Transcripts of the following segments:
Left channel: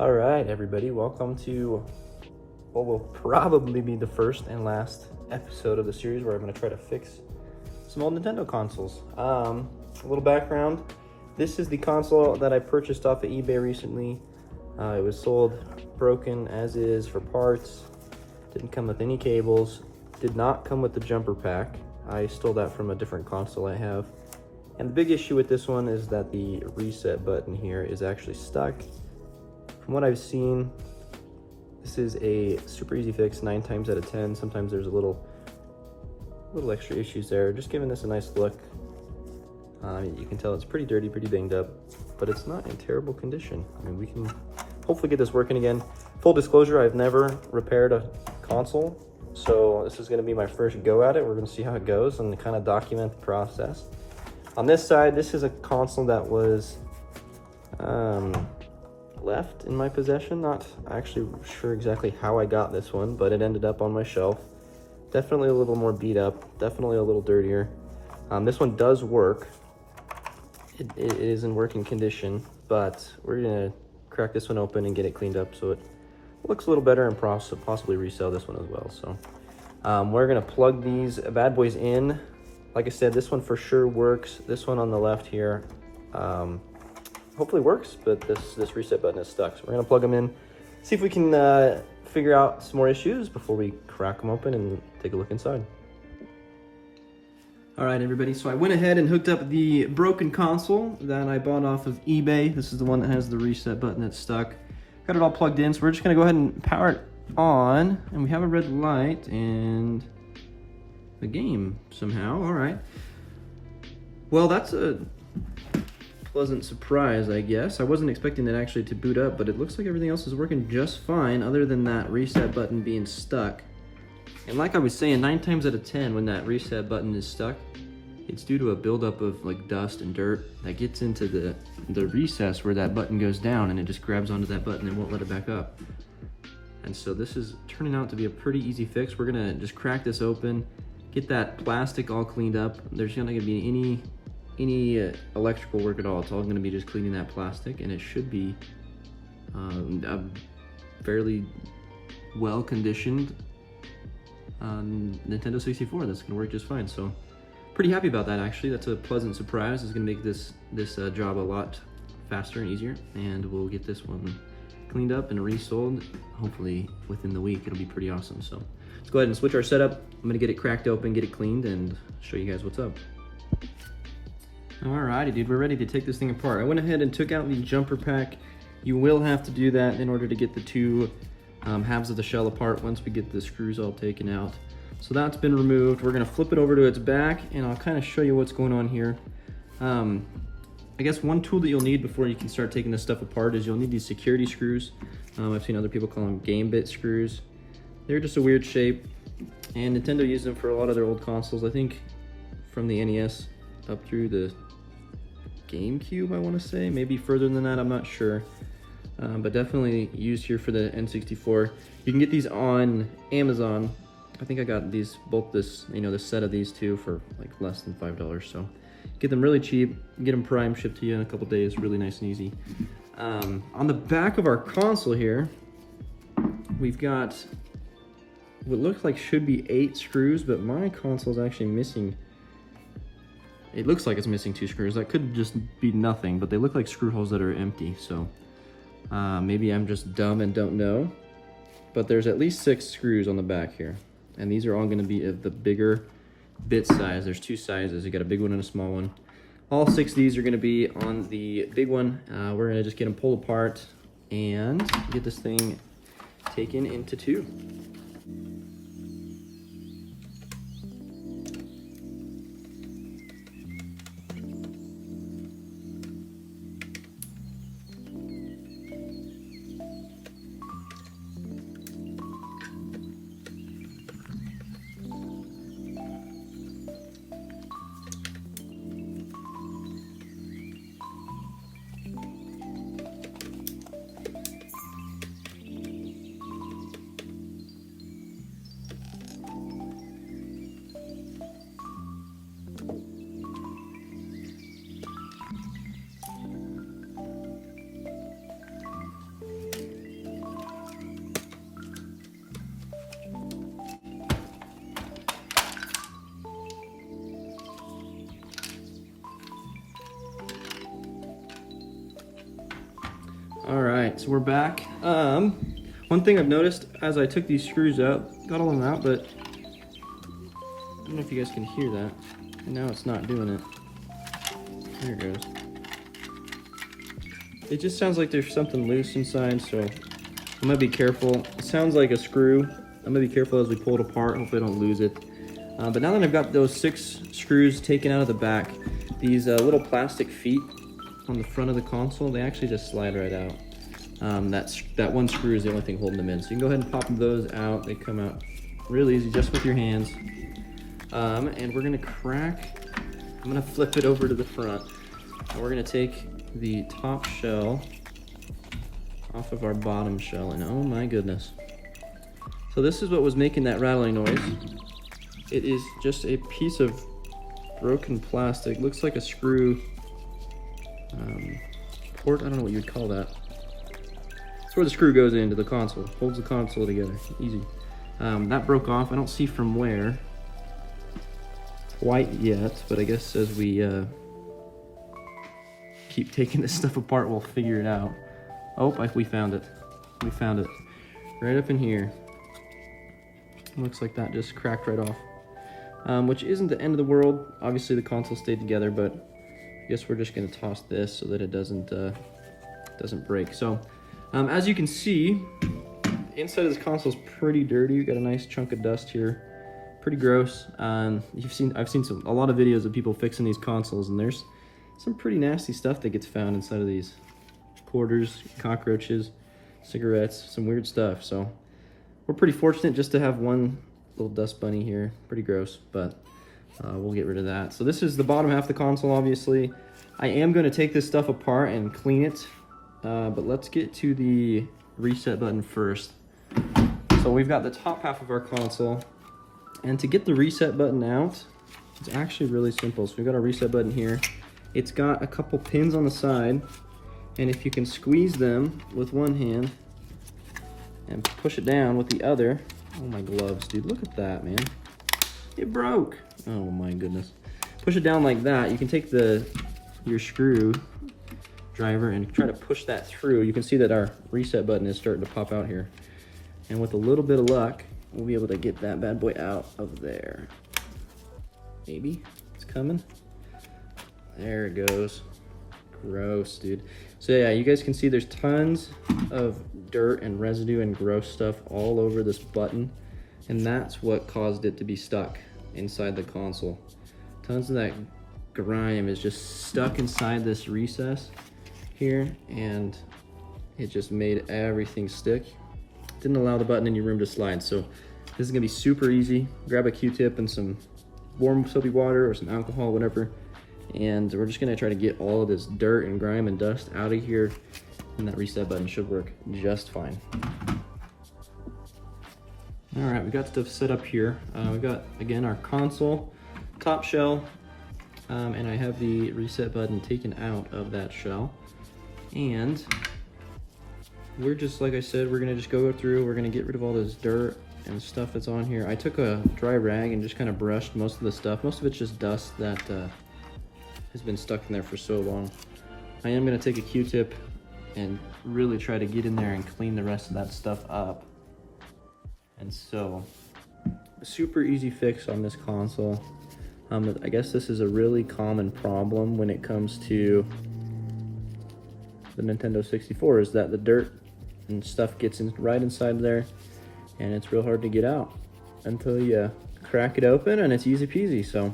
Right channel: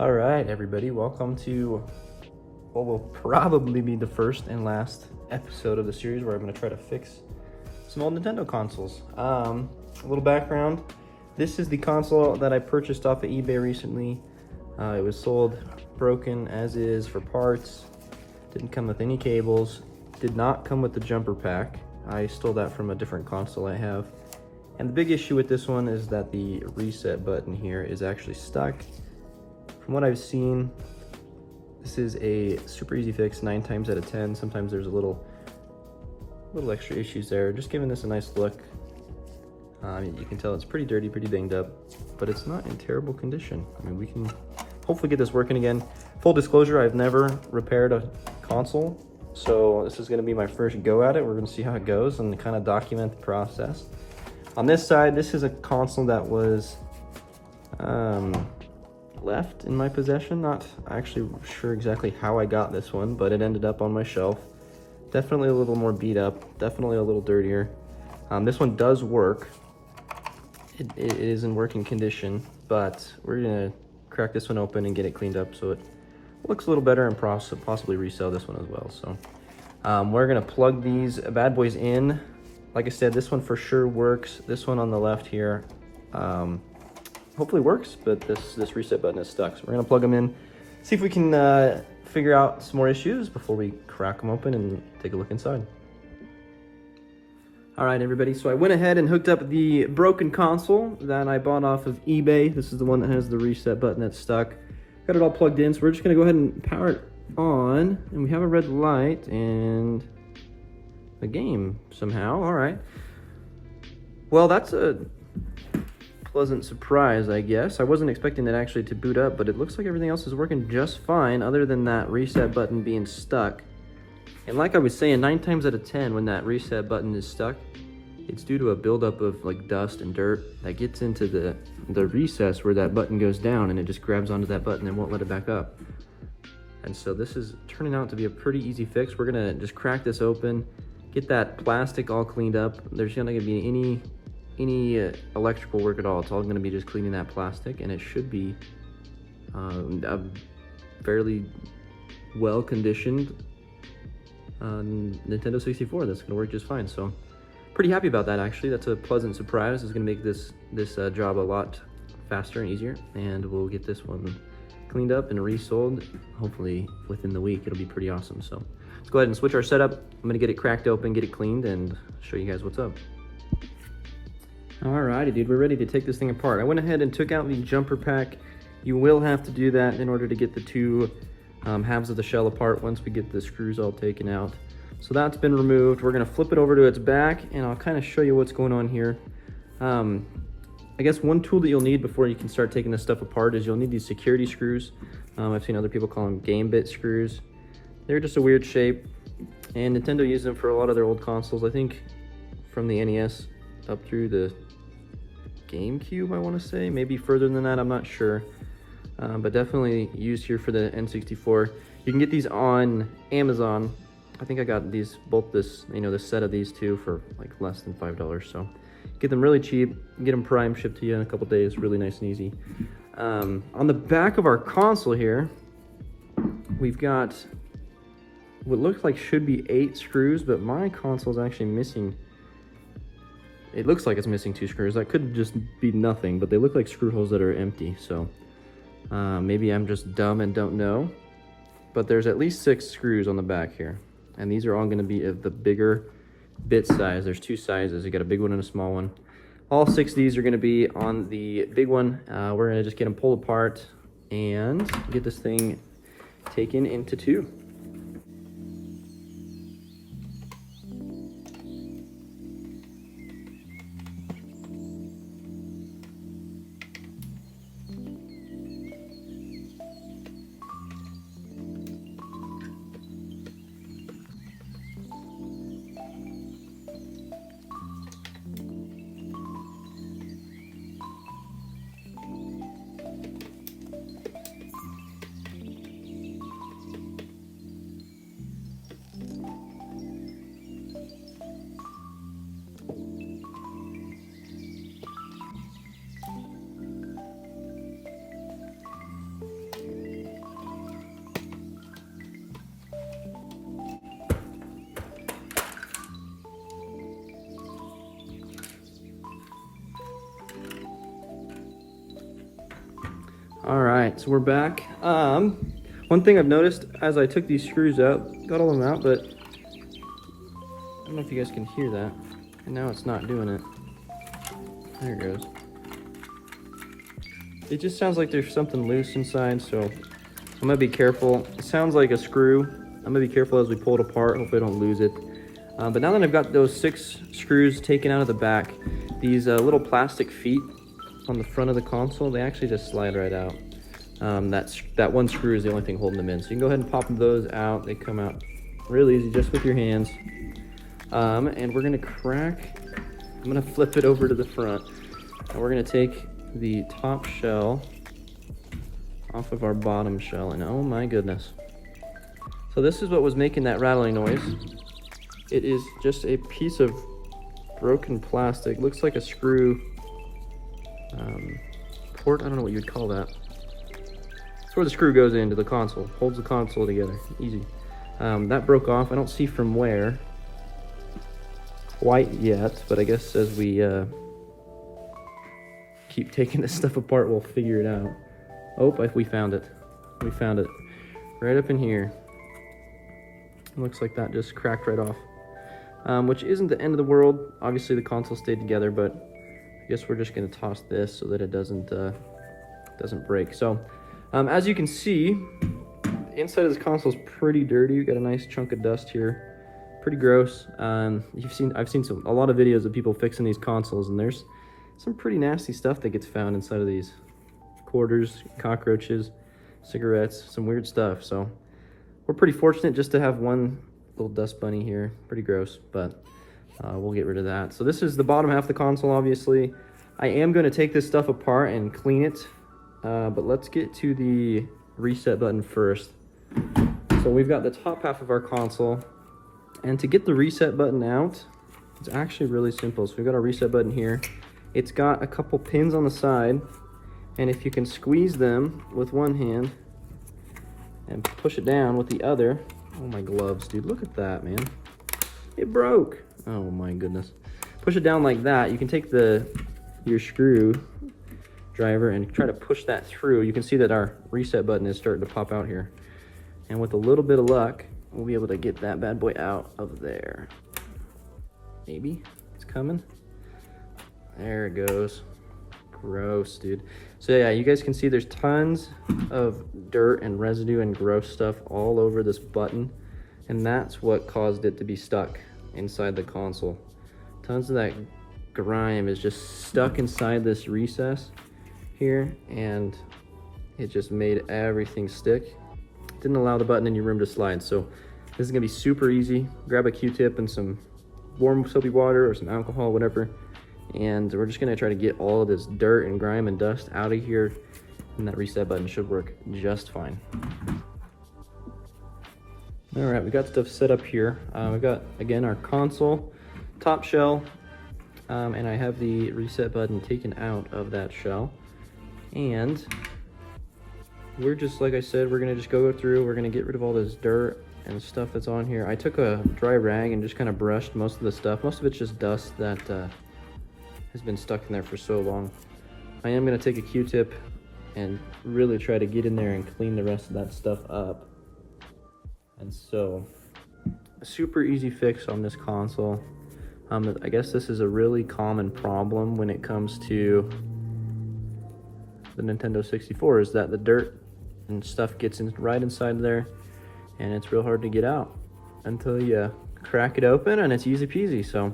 All right, everybody, welcome to what will probably be the first and last episode of the series where I'm going to try to fix some old Nintendo consoles. A little background. This is the console that I purchased off of eBay recently. It was sold broken as is for parts. Didn't come with any cables. Did not come with the jumper pack. I stole that from a different console I have. And the big issue with this one is that the reset button here is actually stuck. From what I've seen, this is a super easy fix 9 times out of 10. Sometimes there's a little extra issues there. Just giving this a nice look. You can tell it's pretty dirty, pretty banged up, but it's not in terrible condition. I mean, we can hopefully get this working again. Full disclosure, I've never repaired a console, so this is gonna be my first go at it. We're gonna see how it goes and kind of document the process. On this side, this is a console that was left in my possession. Not actually sure exactly how I got this one, but it ended up on my shelf. Definitely a little more beat up, definitely a little dirtier. This one does work. It is in working condition, but we're gonna crack this one open and get it cleaned up so it looks a little better and possibly resell this one as well. So we're gonna plug these bad boys in. Like I said, this one for sure works. This one on the left here hopefully works, but this reset button is stuck. So we're gonna plug them in, see if we can figure out some more issues before we crack them open and take a look inside. All right, everybody, so I went ahead and hooked up the broken console that I bought off of eBay. This is the one that has the reset button that's stuck. Got it all plugged in, so we're just gonna go ahead and power it on, and we have a red light and a game somehow. All right. Well, that's a pleasant surprise, I guess. I wasn't expecting it actually to boot up, but it looks like everything else is working just fine other than that reset button being stuck. And like I was saying, 9 times out of 10 when that reset button is stuck, it's due to a buildup of like dust and dirt that gets into the recess where that button goes down, and it just grabs onto that button and won't let it back up. And so this is turning out to be a pretty easy fix. We're gonna just crack this open, get that plastic all cleaned up. There's not gonna be any electrical work at all. It's all gonna be just cleaning that plastic, and it should be a fairly well conditioned Nintendo 64 that's gonna work just fine. So pretty happy about that, actually. That's a pleasant surprise. It's gonna make this job a lot faster and easier, and we'll get this one cleaned up and resold. Hopefully within the week. It'll be pretty awesome. So let's go ahead and switch our setup. I'm gonna get it cracked open, get it cleaned, and show you guys what's up. Alrighty, dude, we're ready to take this thing apart. I went ahead and took out the jumper pack. You will have to do that in order to get the two halves of the shell apart once we get the screws all taken out. So that's been removed. We're gonna flip it over to its back, and I'll kind of show you what's going on here. I guess one tool that you'll need before you can start taking this stuff apart is you'll need these security screws. I've seen other people call them game bit screws. They're just a weird shape, and Nintendo used them for a lot of their old consoles. I think from the NES up through the GameCube, I want to say. Maybe further than that, I'm not sure. But definitely used here for the N64. You can get these on Amazon. I think I got these, this set of these two for like less than $5. So get them really cheap, get them prime, shipped to you in a couple days, really nice and easy. On the back of our console here, we've got what looks like should be 8 screws, but my console is actually missing. It looks like it's missing 2 screws. That could just be nothing, but they look like screw holes that are empty. So maybe I'm just dumb and don't know, but there's at least 6 screws on the back here, and these are all going to be of the bigger bit size. There's 2 sizes. You got a big one and a small one. All 6 of these are going to be on the big one. We're going to just get them pulled apart and get this thing taken into 2. All right, so we're back. One thing I've noticed as I took these screws out, got all of them out, but I don't know if you guys can hear that. And now it's not doing it. There it goes. It just sounds like there's something loose inside, so I'm gonna be careful. It sounds like a screw. I'm gonna be careful as we pull it apart. Hopefully I don't lose it. But now that I've got those 6 screws taken out of the back, these little plastic feet on the front of the console, they actually just slide right out. That one screw is the only thing holding them in. So you can go ahead and pop those out. They come out real easy just with your hands. And we're gonna I'm gonna flip it over to the front. And we're gonna take the top shell off of our bottom shell, and oh my goodness. So this is what was making that rattling noise. It is just a piece of broken plastic. Looks like a screw port. I don't know what you'd call that. It's where the screw goes into the console, holds the console together. Easy. That broke off. I don't see from where quite yet, but I guess as we keep taking this stuff apart, we'll figure it out. Oh, we found it. We found it. Right up in here. Looks like that just cracked right off. Which isn't the end of the world. Obviously the console stayed together, but I guess we're just gonna toss this so that it doesn't break. So, as you can see, the inside of this console is pretty dirty. We've got a nice chunk of dust here. Pretty gross. I've seen a lot of videos of people fixing these consoles, and there's some pretty nasty stuff that gets found inside of these. Quarters, cockroaches, cigarettes, some weird stuff. So we're pretty fortunate just to have one little dust bunny here. Pretty gross, but we'll get rid of that. So this is the bottom half of the console, obviously. I am going to take this stuff apart and clean it, but let's get to the reset button first. So we've got the top half of our console, and to get the reset button out, it's actually really simple. So we've got our reset button here. It's got a couple pins on the side, and if you can squeeze them with one hand and push it down with the other, oh my gloves, dude, look at that, man. It broke. Oh my goodness. Push it down like that. You can take your screw driver and try to push that through. You can see that our reset button is starting to pop out here. And with a little bit of luck, we'll be able to get that bad boy out of there. Maybe it's coming. There it goes. Gross, dude. So yeah, you guys can see there's tons of dirt and residue and gross stuff all over this button, and that's what caused it to be stuck inside the console. Tons of that grime is just stuck inside this recess here, and it just made everything stick. Didn't allow the button any room to slide. So this is gonna be super easy. Grab a Q-tip and some warm soapy water or some alcohol, whatever, and we're just gonna try to get all of this dirt and grime and dust out of here, and that reset button should work just fine. All right, we got stuff set up here. We got, again, our console, top shell, and I have the reset button taken out of that shell. And we're just, like I said, we're gonna just go through, we're gonna get rid of all this dirt and stuff that's on here. I took a dry rag and just kind of brushed most of the stuff. Most of it's just dust that has been stuck in there for so long. I am gonna take a Q-tip and really try to get in there and clean the rest of that stuff up. And so, a super easy fix on this console. I guess this is a really common problem when it comes to the Nintendo 64, is that the dirt and stuff gets right inside there, and it's real hard to get out until you crack it open, and it's easy peasy. So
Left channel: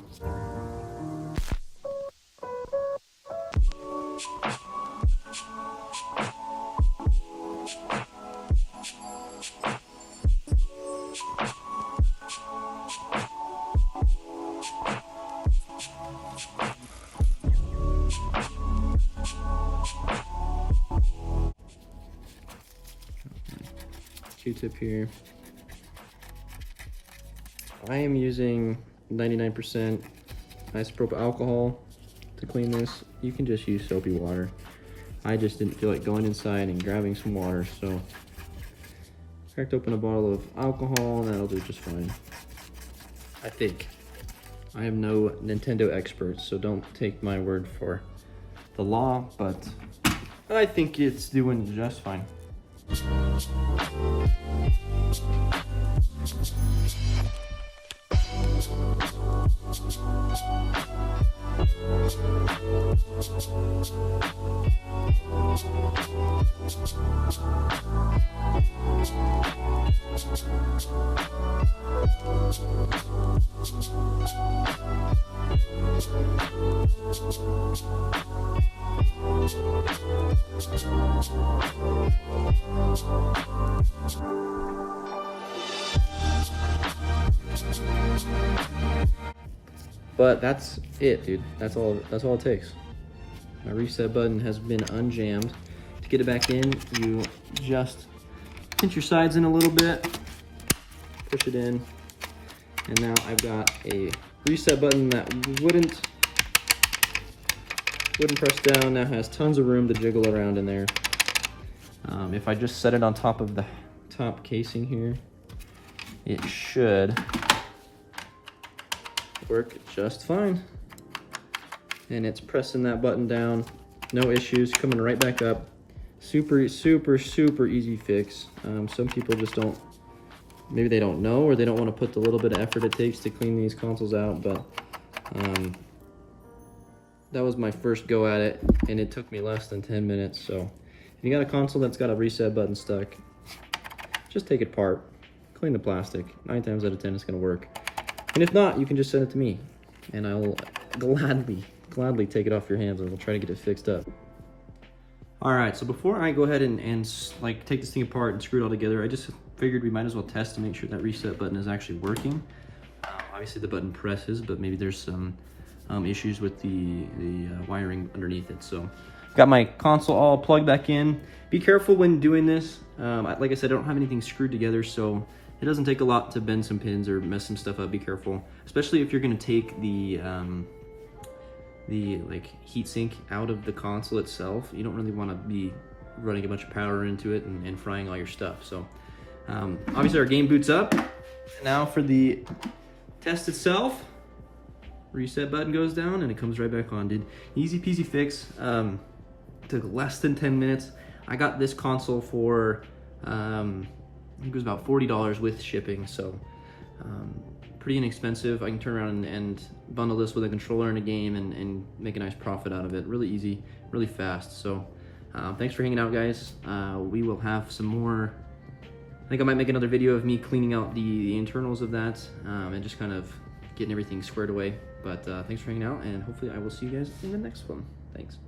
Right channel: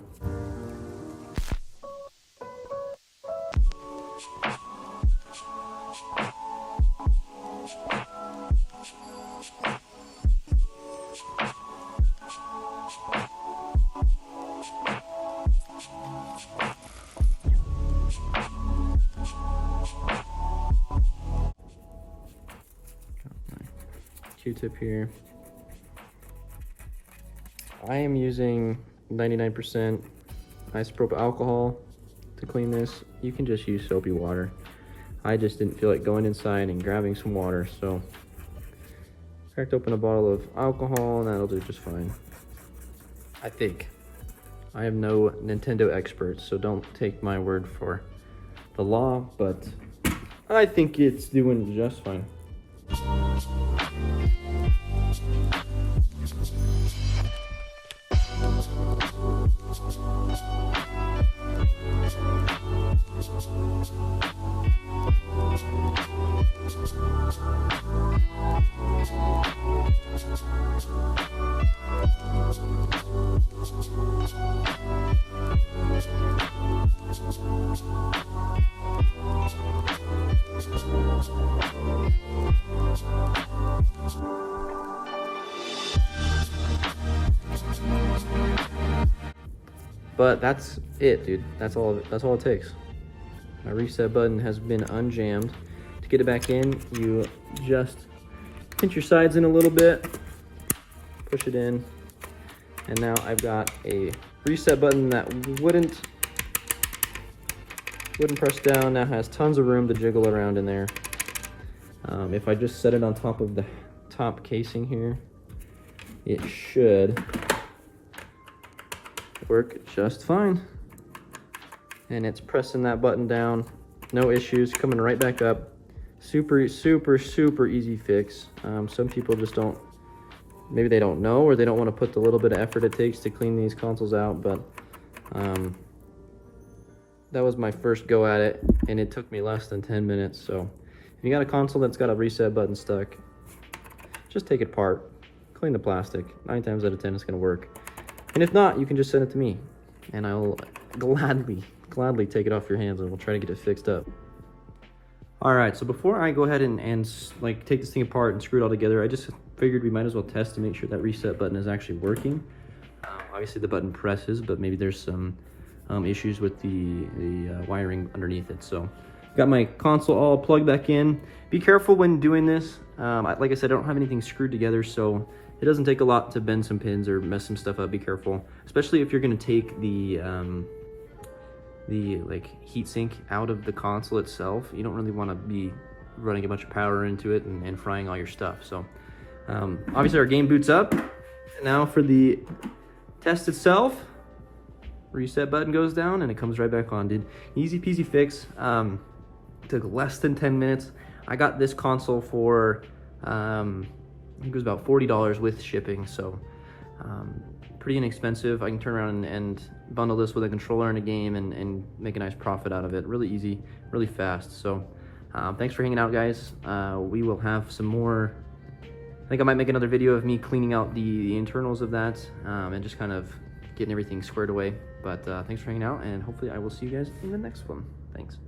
Q-tip here. I am using 99% isopropyl alcohol to clean this. You can just use soapy water. I just didn't feel like going inside and grabbing some water, so cracked open a bottle of alcohol and that'll do just fine. I think. I am no Nintendo expert, so don't take my word for the law, but I think it's doing just fine. But that's it, dude. That's all it takes. My reset button has been unjammed. To get it back in, you just pinch your sides in a little bit, push it in, and now I've got a reset button that wouldn't press down, now has tons of room to jiggle around in there. If I just set it on top of the top casing here, it should work just fine. And it's pressing that button down, no issues, coming right back up. Super, super, super easy fix. Some people just don't, maybe they don't know, or they don't want to put the little bit of effort it takes to clean these consoles out, but that was my first go at it, and it took me less than 10 minutes. So if you got a console that's got a reset button stuck, just take it apart, clean the plastic. 9 times out of 10 it's gonna work. And if not, you can just send it to me, and I'll gladly take it off your hands, and we'll try to get it fixed up. All right, so before I go ahead and like take this thing apart and screw it all together, I just figured we might as well test to make sure that reset button is actually working. Obviously the button presses, but maybe there's some issues with the wiring underneath it. So got my console all plugged back in. Be careful when doing this. Like I said, I don't have anything screwed together, so it doesn't take a lot to bend some pins or mess some stuff up. Be careful, especially if you're gonna take the like heatsink out of the console itself. You don't really want to be running a bunch of power into it and frying all your stuff. So obviously our game boots up. Now for the test itself, reset button goes down and it comes right back on, dude. Easy peasy fix. Took less than 10 minutes. I got this console for I think it was about $40 with shipping, so pretty inexpensive. I can turn around and bundle this with a controller and a game and make a nice profit out of it. Really easy, really fast. So thanks for hanging out, guys. We will have some more. I think I might make another video of me cleaning out the internals of that and just kind of getting everything squared away. But thanks for hanging out, and hopefully I will see you guys in the next one. Thanks.